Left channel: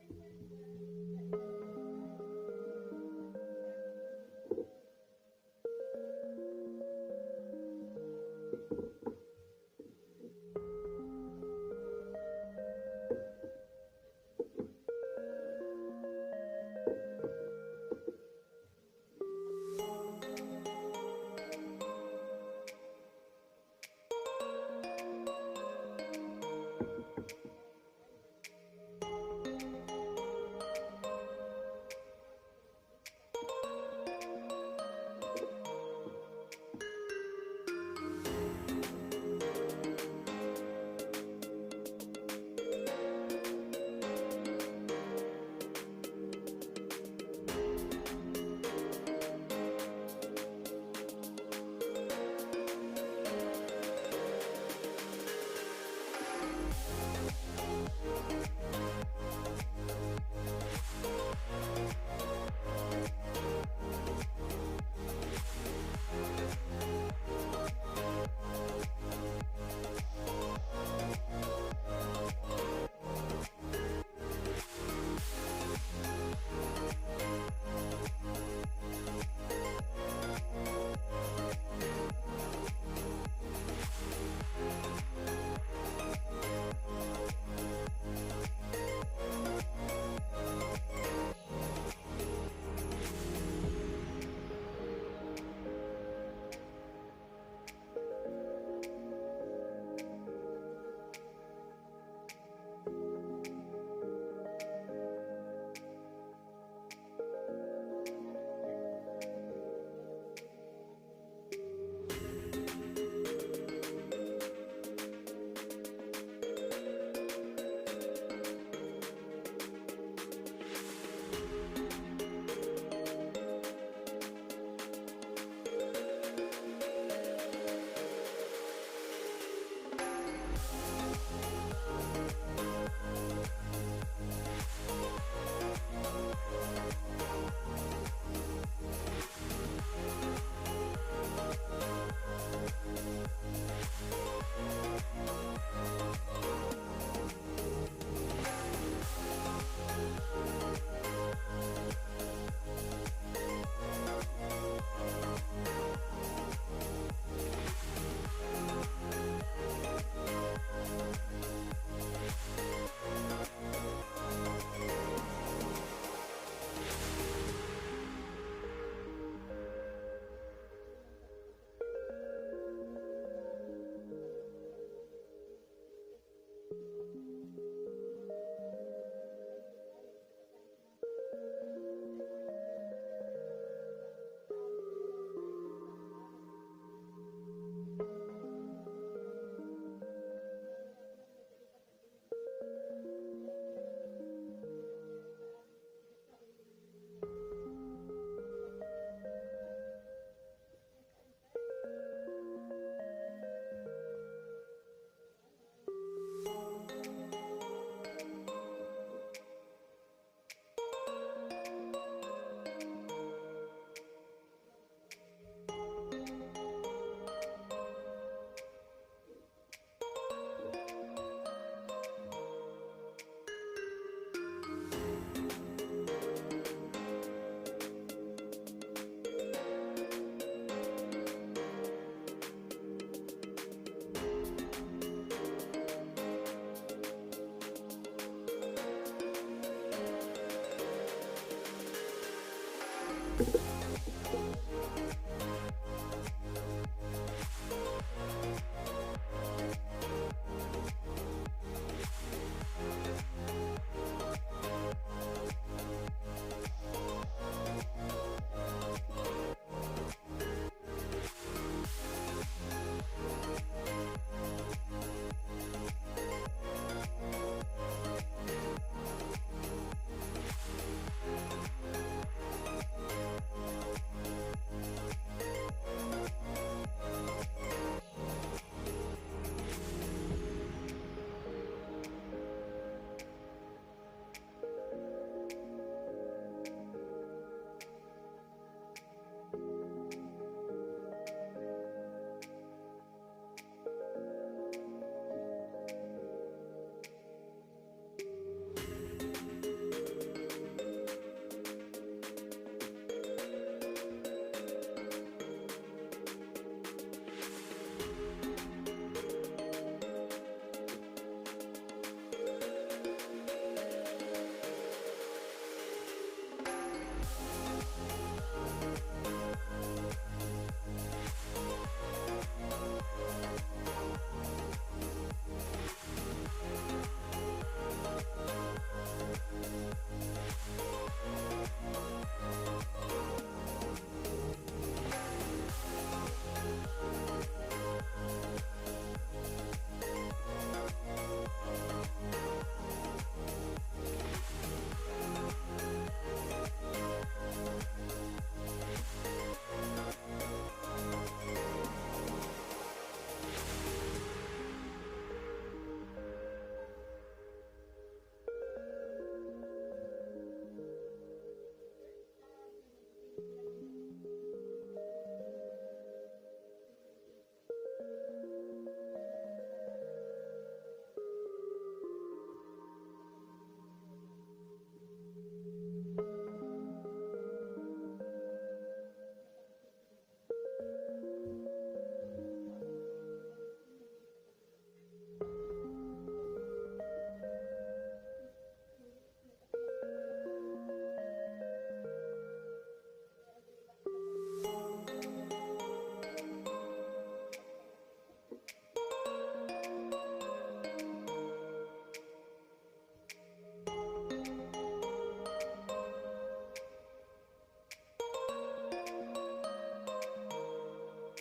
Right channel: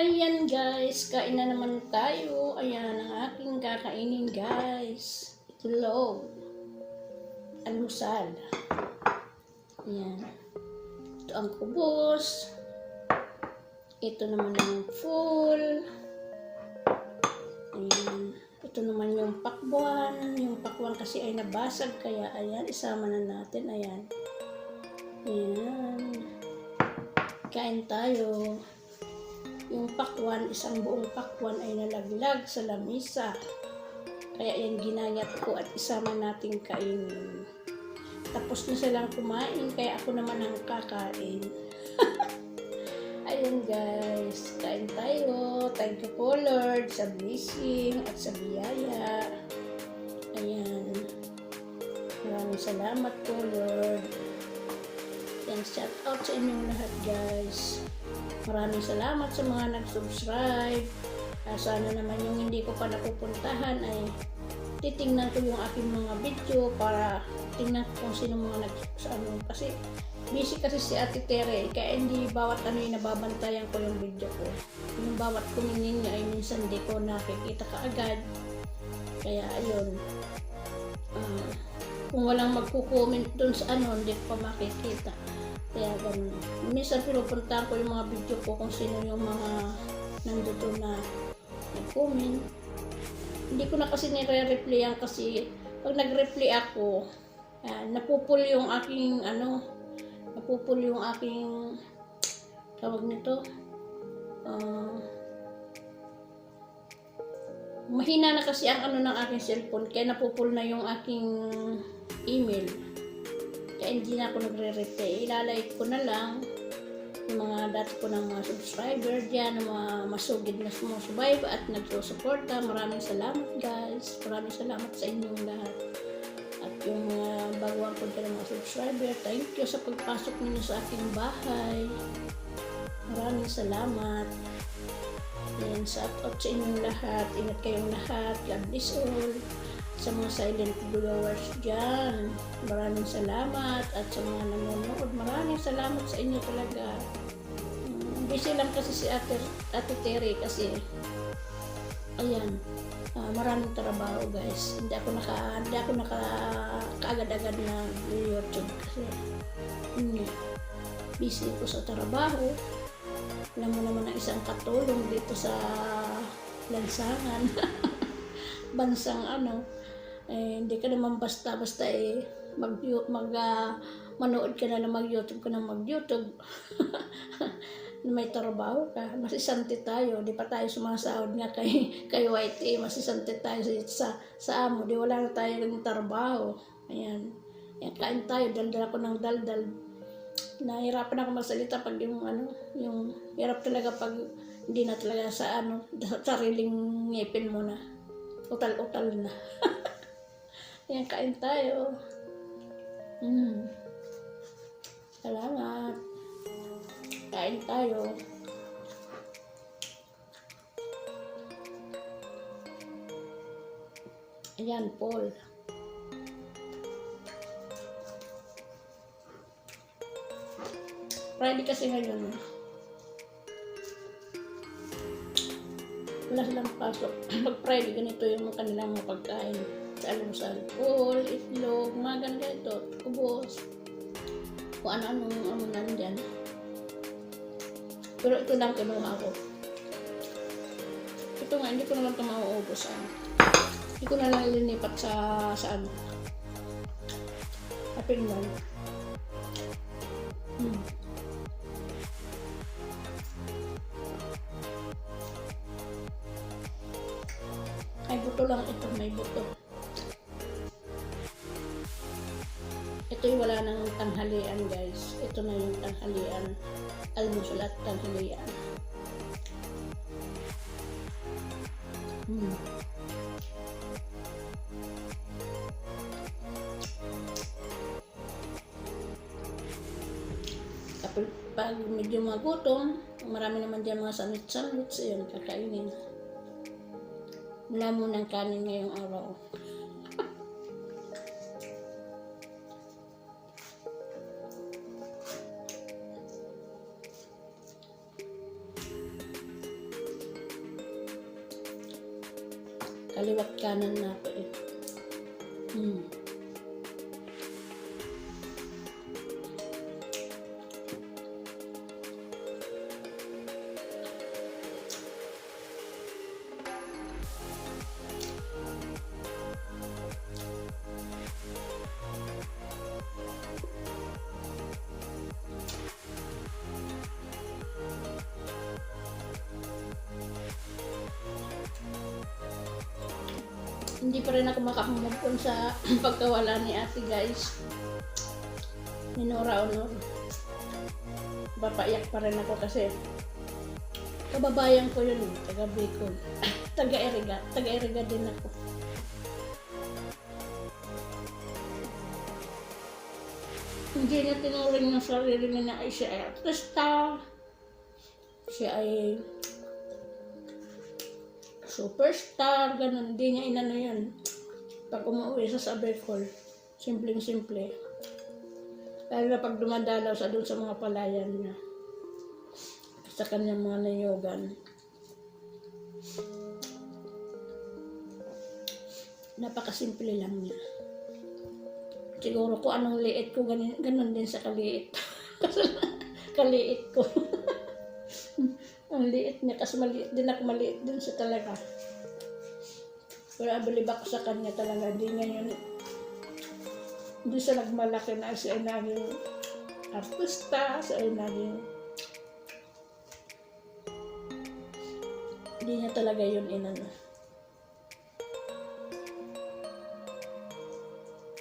Ayan guys, kain na naman tayo. Ayan ang aking kakainin guys. Itlog. Almusal. Ayan. Ito ang kubos. Ito naman ang full. Ayan. Ito naman yung pakwan. Yung pakwan kasi ay nabasag. Kaya ayan, isama na natin. Ayan. Ayan. Kain tayo. Yung pakwan, isang buong pakwan ay nalaglag sa lamisa. Kaya yan ginayat ko at isama nating kainin. Tapos na silang kumain, kaya ako naman ang kakain. Ayun guys, kain tayo. Thank you po Lord sa blessing at sa biyaya. Ayan. Maraming salamat po Lord. Yan, shout out sa inyong lahat guys. Maraming salamat sa mga nag-subscribe. Sana naman yung hindi ko pa napupuntahan ay titingnan ko yung aking mga video para tingnan ko kung sino mga nag-subscribe. Kasi busy kasi si Ate Tere, kaya hindi bawat ano yung nababantayan ko ng video ko. Yung bawat kuminin niya ay minsan hindi ko nakikita kaagad. Kaya ayun. Kung walang magko-comment dun sa ano, hindi ko pa makikita. Kaya minsan pinupuntahan ko yung mga video ko kung sino yung mga nandito na comment. Hindi ko na kasi nire-replyan kasi pag nag-reply ako, napupul yung aking tawag nito, mahina na kasi ang ng aking cellphone kaya napupul na yung aking email. Kaya hindi na ako nagre-reply. Ilalike ko na lang yung mga dati ko ng mga subscriber dyan, ng mga masugid na sumusubayba at nagsusuporta. Maraming salamat guys. Maraming salamat sa inyong lahat. At yung baguhan ko ng mga subscriber, thank you sa pagpasok ninyo sa aking bahay. Maraming salamat. And shout out sa inyong lahat. Ingat kayong lahat. God bless all. Sa mga silent viewers dyan, maraming salamat. At sa mga nanonood, maraming salamat sa inyo talaga. Busy lang kasi si Ate Tere kasi ayan, maraming trabaho guys. Hindi ako kaagad-agad na YouTube kasi busy ko sa trabaho. Alam mo naman ang isang katulong dito sa lansangan. Bansang hindi ka naman basta-basta manood ka na mag-YouTube ka na mag-YouTube. May trabaho ka, masisante tayo, di pa tayo sumasahod nga kay YT, masisante tayo sa amo, di wala na tayo ng trabaho. Ayan, kain tayo, daldal ako ng daldal. Nahirapan ako magsalita pag yung hirap talaga pag hindi na talaga sa sariling ngipin mo na. Utal-utal na. Ayan, kain tayo. Salamat. Kain tayo. Ayan, Paul. Friday kasi ngayon. Wala silang pasok. Pag Friday, ganito yung kanilang mga pagkain. Almusal, Paul, itlog, mga ganito, kubos. Kung ano-ano nandyan. Pero ito lang kinuha ko. Ito nga, hindi ko naman ito mauubos. Hindi ko na lang ilinipat sa apil mo. Ay, buto lang ito. May buto. Ito yung wala ng tanghalian guys. Ito na yung tanghalian. Almusal at tanghalian. Kapag medyo magutom, marami naman dyan mga sandwich-sandwich. Ayun, kakainin. Wala munang kanin ngayong araw. kanan natin. Hindi pa rin ako makakamagpon sa pagkawala ni ate, guys. Minura o papaiyak pa rin ako kasi kababayan ko yun, taga Bicol. Taga-Eriga din ako. Hindi niya tinuring ng sarili niya na ay siya ay artista, siya ay superstar, ganun. Hindi niya inano yun. Pag umuwi sa Bicol, simpleng-simple. Lalo na pag dumadalaw sa doon sa mga palayan niya, sa kanyang mga nayogan. Napakasimple lang niya. Siguro kung anong liit ko, ganun din sa kaliit. Kaliit ko. Ang liit niya kasi maliit din ako, maliit din siya talaga. Pero abilib ako sa kanya talaga. Hindi siya nagmalaki na siya ay naging artista, siya ay naging hindi niya talaga yun inano.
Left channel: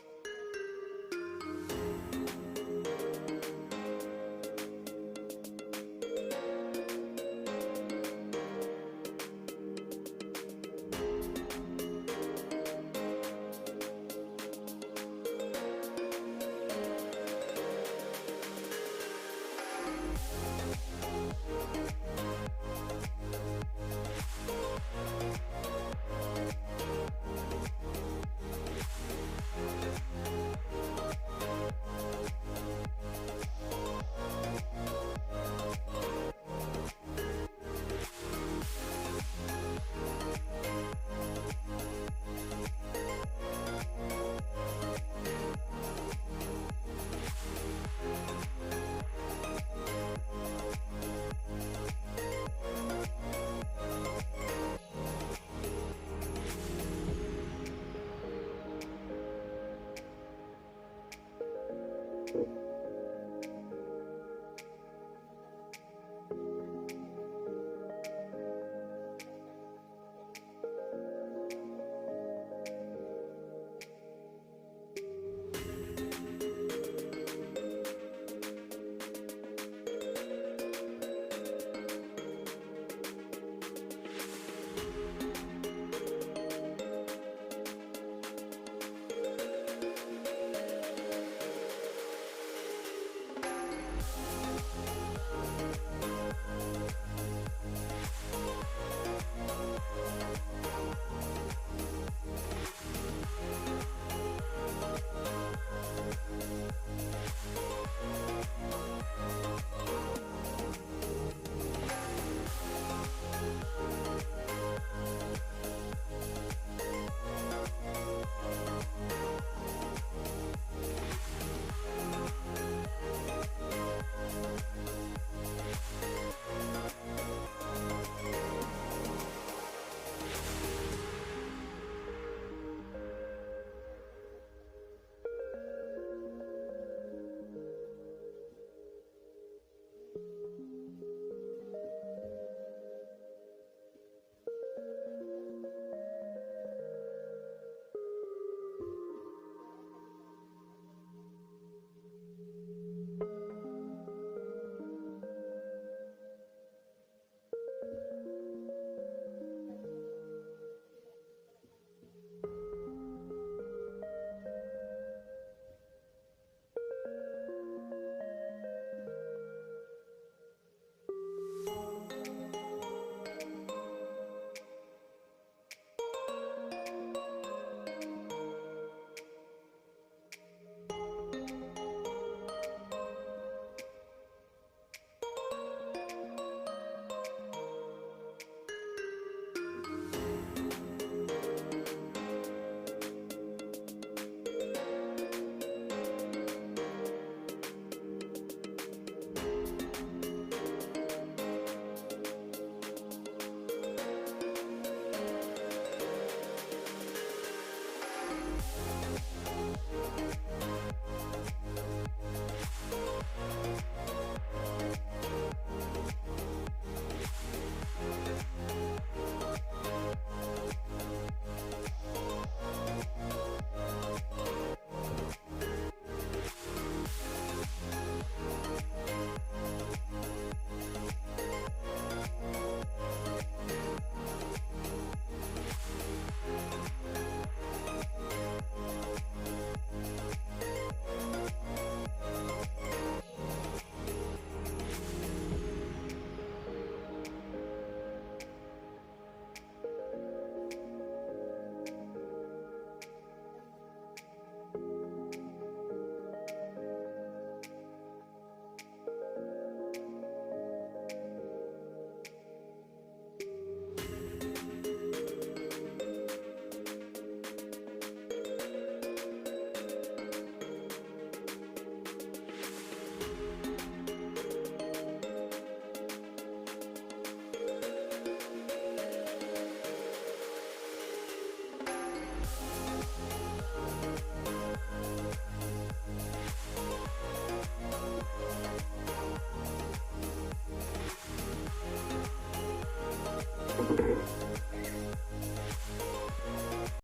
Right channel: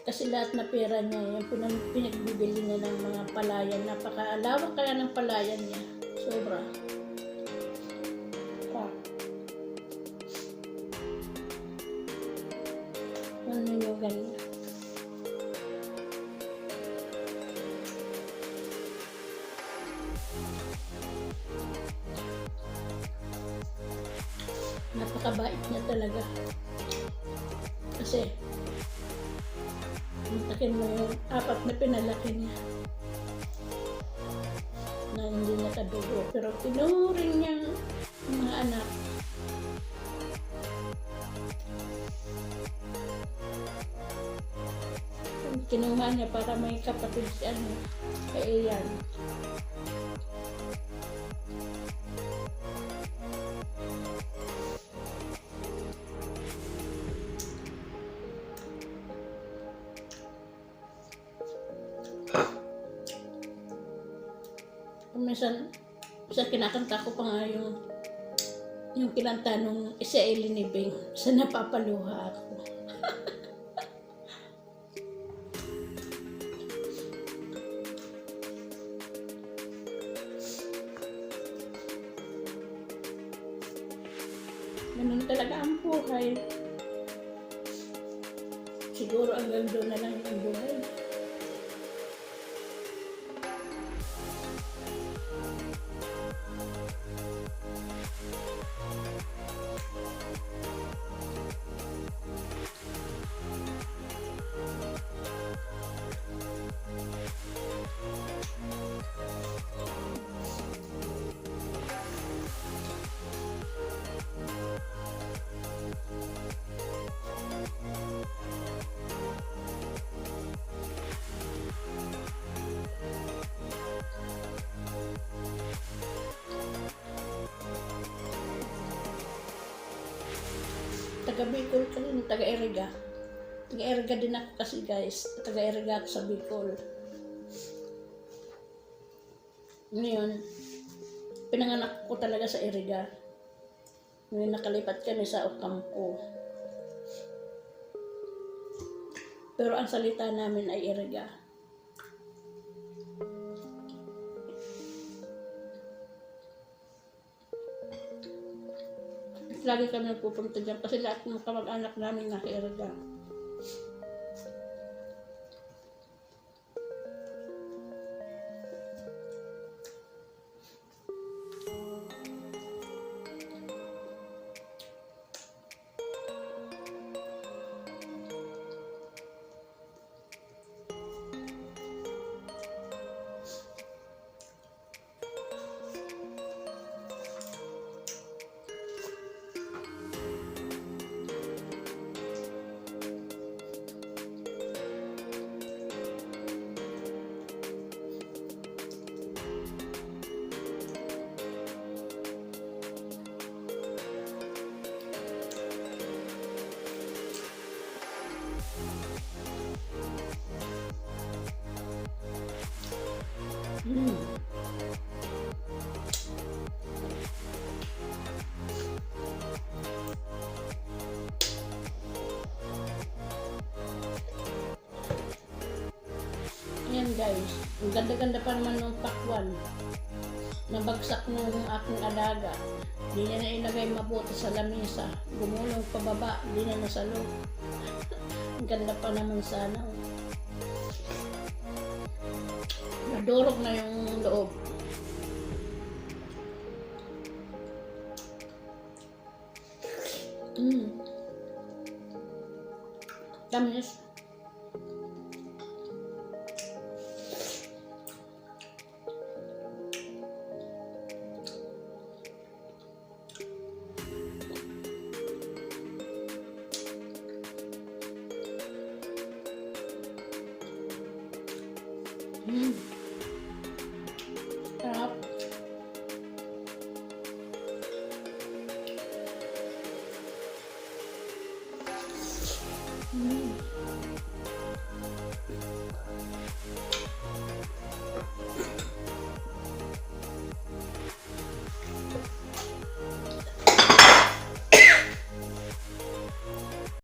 Kasi lahat na pera niya, yung pinagbibili niya ng mga palayan, napakalawak kaya ng palayan niya. Sobra. Napakabait niya talaga. Kasi akin mo 4 na pinalaki niya na hindi nakadugo, pero pinurin niya mga anak. Kinuha niya para may kapatid kay Ian. Minsan kinakanta ko pa nga yung kinanta nung si Eileen ni Bing, sa napapaluha ako. Ganun talaga ang buhay. Siguro hanggang doon na lang yung buhay. Taga Bicol ka rin, taga-Eriga. Taga-Eriga din ako kasi, guys. Taga-Eriga ako sa Bicol. Ngayon, pinanganak ko talaga sa Eriga. Ngayon nakalipat kami sa Ocampo. Pero ang salita namin ay Eriga. Lagi kami nagpupunta dyan kasi lahat ng kamag-anak namin nasa Eriga. wasak ng aking alaga. Di na ilagay mabuti sa lamisa. Gumulong pababa, di na nasalo. Ang ganda pa naman sana. Nadurog na yung loob. Tamis.